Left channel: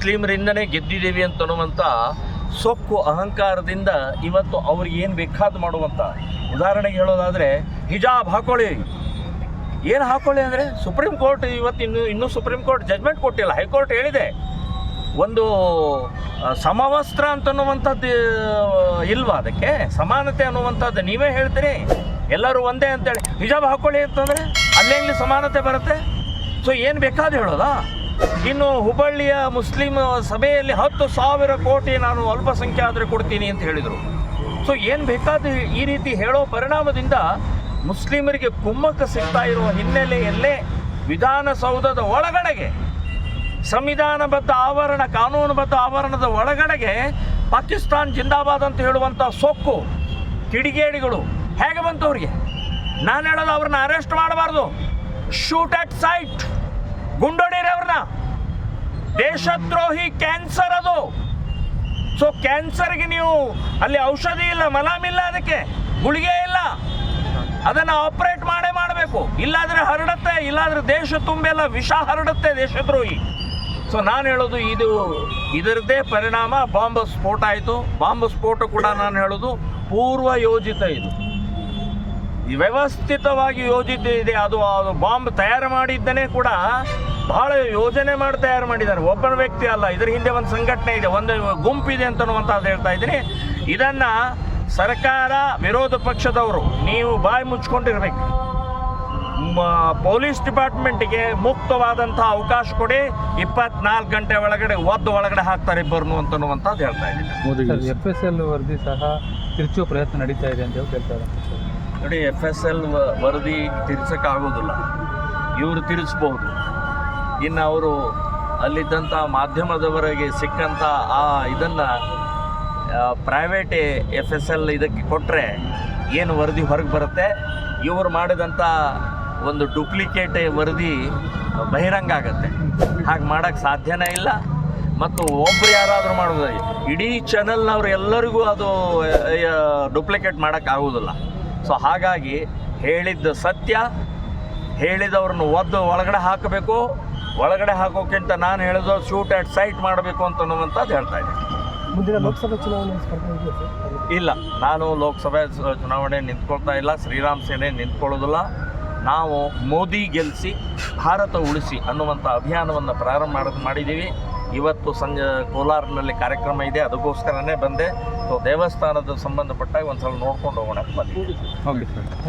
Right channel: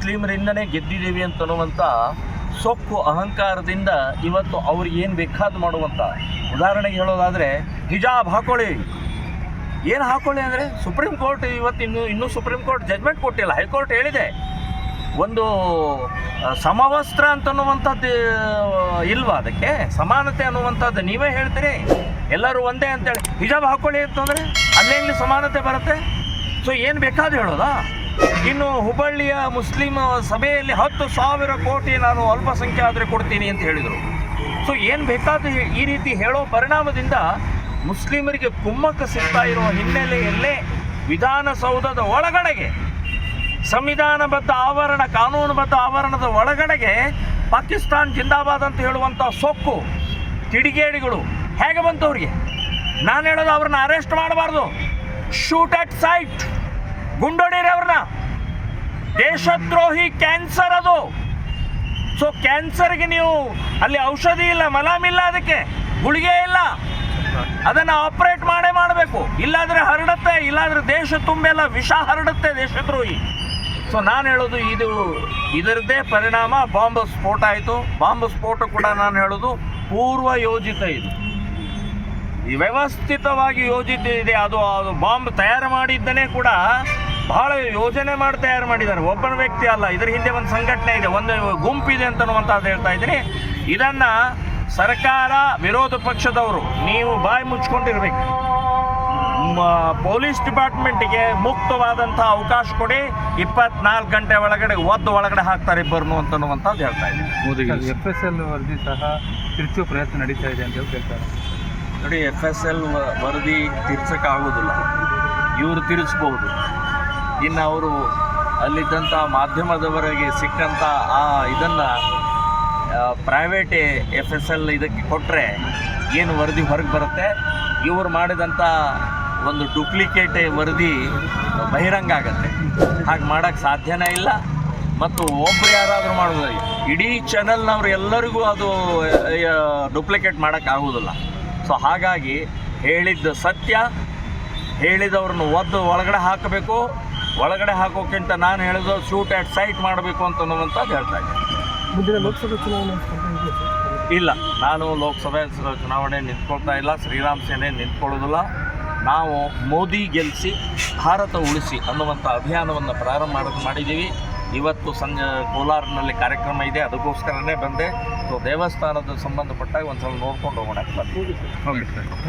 ಮುಸ್ಲಿಮರಿಂದನೇ ಗೆದ್ದಿದ್ದೀವಿ ಅಂತ ಅನ್ನುವಂಥ ಸೊಕ್ಕು ಅಹಂಕಾರದಿಂದ ಇವತ್ತು ಅವ್ರಿಗೆ ಏನು ಬೇಕಾದ ಮಾಡುವಂಥ ಉದಾಹರಣೆಗೆ ಹೇಳೋದಾದರೆ, ಹಿಜಾಬ್ ಹಾಕೊಳ್ಳಿ. ಏನು ಹಾಕೊಳ್ಳಿ ಅಂದರೆ, ಸುಪ್ರೀಂ ಕೋರ್ಟ್ ಇವತ್ತು ಇನ್ನೂ ಇನ್ನೂ ಸುಪ್ರೀಂ ಕೋರ್ಟ್ ಜಜ್ಮೆಂಟ್ ಕೊಟ್ಟಿಲ್ಲ. ಹೈಕೋರ್ಟ್ ಹೇಳಿದೆ. ಒಂದು ಸಮವಸ್ತ್ರ ಅಂತನ್ನುವಂಥದ್ದು ಇಲ್ವಾ ಅದಕ್ಕೆ? ಸಮಾನತೆ ಅನ್ನುವಂಥದ್ದು ನೀವೇ ಹೇಳ್ತೀರಿ. ಎಲ್ಲರೂ ಒಂದೇ ಅಂತೇಳಿ. ಹಿಜಾಬ್ ಹಾಕೊಳ್ಳಿ ಅಂತಂದರೆ, ಅಲ್ಲೇ ಸಮಾನತೆ ಬರುತ್ತೆ? ಸೊ ಏನು ಬೇಕಾದ್ರೂ ಹೇಳೋದಾ? ಇನ್ನು ಹುಬ್ಬಳ್ಳಿಯ ಮುಸ್ಲಿಂ ಸಭೆಯಲ್ಲಿ ಹತ್ತು ಸಾವಿರ ಕೋಟಿ ನಾನು ಅಲ್ಪಸಂಖ್ಯಾತರು ಕೊಡ್ತೀನಿ ಅಂತ ಹೇಳಿದರು. ಸೊ ಏನು ಬೇಕಾದ ಈ ರೀತಿ ಹೇಳೋ ಪರಿಣಾಮದಿಂದ ಮುಸ್ಲಿಮರಿಗೆ ಕುಮ್ಮಕ್ಕ ಸಿಗ್ತಾ ಇರುವ ಹಿನ್ನೆಲೆಯಲ್ಲೇ ವಿಧಾನಸೌಧದ ಒಳಗಡೆಗೆ, ಸಂವಿಧಾನಬದ್ಧ ಆವರಣ, ಕಾನೂನುಬದ್ಧ ಆವರಣದ ಒಳಗಡೆಗೆ ಪಾಕಿಸ್ತಾನ್ ಜಿಂದಾಬಾದ್ ಅಂತ ಹೇಳುವಂಥ ಸೊಕ್ಕು, ಕಿಡಿಗೇಡಿಗಳು ಹೇಗೆ ಬಂತು ಅವ್ರಿಗೆ? ನಾನು ಹೇಳೋದು ಅವ್ರನ್ನ ಅರೆಸ್ಟ್ ಮಾಡಬಾರ್ದು. ಶೂಟ್ ಅಟ್ ಸೈಟ್ ಗುಂಡೊಡೀರಿ ಅವ್ರನ್ನ. ದೇಶದ್ರೋಹಿ ಕ್ಯಾನ್ಸರ್ ಅದು. ಸೊ ಕ್ಯಾನ್ಸರ್ಗೆ ನೀವು ಅಲ್ಲಿ ಔಷಧಿ ಇಲ್ಲ ಮಲಾಮಿಲ್ಲ ಅದಕ್ಕೆ, ಗುಳಿಗೆ ಇಲ್ಲ. ಅದನ್ನು ಆಪರೇಟ್ ಮಾಡೇ ಮಾಡಬೇಕು. ಇಲ್ಲಾದ್ರೆ ಹರಡುತ್ತೆ, ಇಲ್ಲಾದ್ರೆ ದೇಶ ತುಂಬೆಲ್ಲ ವಿಷ ಹರಡುತ್ತೆ ದೇಶದ್ರೋಹಿ. ಸೊ ನಾನು ಹೇಳೋದು ಇದು, ಇದರದ್ದೇ ಪರಿಣಾಮ, ಬಾಂಬ್ ಸ್ಫೋಟ ಆಯಿತು. ಬಾಂಬ್ ಸ್ಫೋಟ ಕೂಡ ನಾನು ಹೇಳೋದು ಪೂರ್ವ ಯೋಜಿತ ಇದು. ವ್ಯವಸ್ಥಿತವಾಗಿ ಯೋಜಿತ ಇದೆ. ಅದು ಅದು ಬಾಂಬ್ ತಯಾರು ಮಾಡಿದ್ದನೇ ಕೂಡ ಬಹಳ ಯೋಜನೆ ಮಾಡಿ ತಯಾರು ಮಾಡಿದ್ದಾರೆ. ಒಬ್ಬರ ವ್ಯಕ್ತಿ ಅಲ್ಲ ಇದ್ರ ಹಿಂದೆ ಒಂದು ಸಂಘಟನೆ ಇದೆ ಒಂದು ಗುಂಪಿದೆ ಅಂತನ್ನುವಂಥದ್ದು ಹೇಳ್ತಾ ಇದ್ದೀನಿ. ಇದನ್ನ ಸರ್ಕಾರ ವಿರೋಧ ಪಕ್ಷದವರು ನೀವು ಬಾಯಿ ಮುಚ್ಕೊಂಡಿರ್ಬೇಕು. ಪೊಲೀಸ್ ಡಿಪಾರ್ಟ್ಮೆಂಟಿಗೆ ಮುಕ್ತವಾದಂಥ ಅವಕಾಶ ಕೊಡಿ ಇಪ್ಪತ್ನಾಲ್ಕು ಗಂಟೆ ಒಳಗಡೆ ಒದ್ದು ಒಳಗಡೆ ಹಾಕ್ತಾರೆ ಇಬ್ಬರು ಅಂತನ್ನುವಂಥದ್ದು ಹೇಳ್ತಾ ಇದ್ದೀನಿ. ಎಫ್ ಎಸ್ ಎಲ್ ವರದಿ ಸಹ ತಿರುಚುವ ಪ್ರಯತ್ನ ನಡೀತಾ ಇದೆ ಅಂತ ಹೇಳ್ತಾರೆ ನೋಡಿ ಎಫ್ ಎಸ್ ಎಲ್ ವರದಿ ತಿರ್ಸೋಕ್ಕಾಗೋದಿಲ್ಲ ಇವರು ತಿರ್ಸ್ಬೋದು ಇನ್ನು ಅವರು ಅಲ್ಲಿದ್ದಂಥ ಮಾಧ್ಯಮದವರಿಗೆ ಸಿಕ್ಕಂಥ ಆ ಇದನ್ನು ಪ್ರೈವೇಟ್ ಎಫ್ ಎಸ್ ಎಲ್ ಇದಕ್ಕೆ ಕೊಟ್ಟರೆ ಏನು ವರದಿ ಹೊರಗೆ ಬರುತ್ತೆ? ಇವರು ಮಾಡಿದಂಥ ಒಂದು ಡೂಪ್ಲಿಕೇಟ್ ವರದಿ ಬಹಿರಂಗ ಆಗುತ್ತೆ. ಹಾಗೆ ಮಾಡೋಕ್ಕೆ ಸಾಧ್ಯನೇ ಇಲ್ಲ. ಮತ್ತು ಒಬ್ಬರು ಯಾರಾದರೂ ಮಾಡೋದು, ಇಡೀ ಚಾನಲ್ನವ್ರು ಎಲ್ಲರಿಗೂ ಅದು ಡೂಪ್ಲಿಕೇಟ್ ಮಾಡೋಕ್ಕಾಗೋದಿಲ್ಲ ಸೊ ಹಾಗಾಗಿ ಹೇಳಿದ್ದ ಸತ್ಯ, ಹೇಳಿದವ್ರನ್ನ ಒದ್ದು ಒಳಗಡೆ ಹಾಕಬೇಕು. ಒಳಗಡೆ ಹಾಕೋಕ್ಕಿಂತ ನಾನು ಹೇಳಿದ್ರು ಶೂಟ್ ಆ್ಯಟ್ ಸೈಟ್ ಮಾಡಬೇಕು ಅಂತ ಅನ್ನುವಂಥದ್ದು ಹೇಳ್ತಾ ಇದ್ದೀನಿ. ಮುಂದಿನ ಲೋಕಸಭೆ ಚುನಾವಣೆ ಇಲ್ಲ ನಾನು ಲೋಕಸಭೆ ಚುನಾವಣೆ ನಿಂತ್ಕೊಳ್ತಾ ಇಲ್ಲ ಶ್ರೀರಾಮ್ ಸೇನೆ ನಿಂತ್ಕೊಳ್ಳೋದಿಲ್ಲ. ನಾವು ಮೋದಿ ಗೆಲ್ಲಿಸಿ ಭಾರತ ಉಳಿಸಿ ಅನ್ನುವಂಥ ಅಭಿಯಾನವನ್ನು ಪ್ರಾರಂಭ ಮಾಡೋದು ಮಾಡಿದ್ದೀವಿ. ಇವತ್ತು ಸಂಜೆ ಕೋಲಾರ್ನಲ್ಲಿ ಕಾರ್ಯಕ್ರಮ ಇದೆ ಅದಕ್ಕೋಸ್ಕರನೇ ಬಂದೆ. ಸೊ ದೇವಸ್ಥಾನದ ಸಂಬಂಧಪಟ್ಟಾಗ ಒಂದು ಸಲ ನೋಡ್ಕೊಂಡು ಹೋಗೋಣ ಅಂತ ಬಂದಿದ್ದೀವಿ ಸರ್.